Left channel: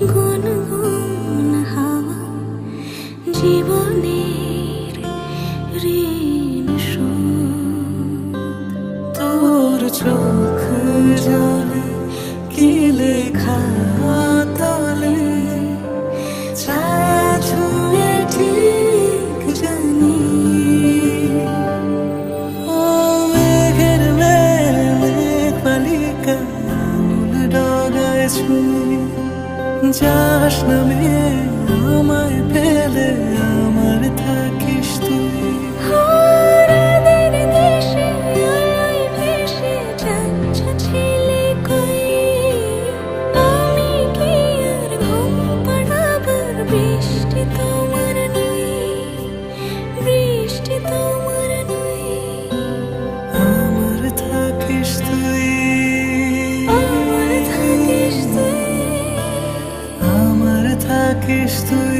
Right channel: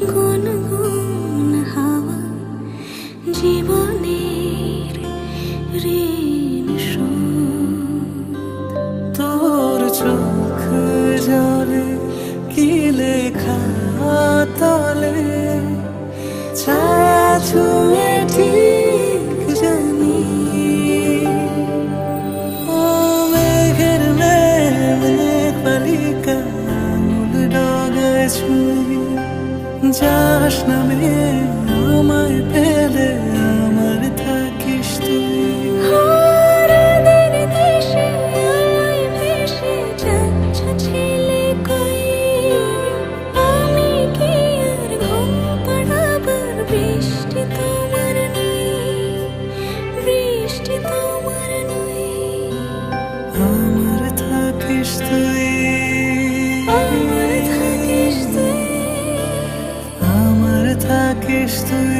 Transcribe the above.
গুনগুন হাওয়া জীবনের ঋণ শোধ। তোর চোখ জলে কি লেখা তলে, ছায়া ছুঁয়ে ঠিক জানি। ও মেঘের মেঘ বালিকা আঙুল ডগায় ছুঁয়ে, যাস নামে আমায় পেলে আমার থাকিস তুই। হারাদের দেশে আলোয় ভেসে যাচ্ছ ছেলে কই, আমি কি আর ঘুম পাড়াবার বৃষ্টি তোমার নই, বৃষ্টি তোমার নই। আমার থাকিস তুই, আমার থাকিস তুই, আমার থাকিস তুই।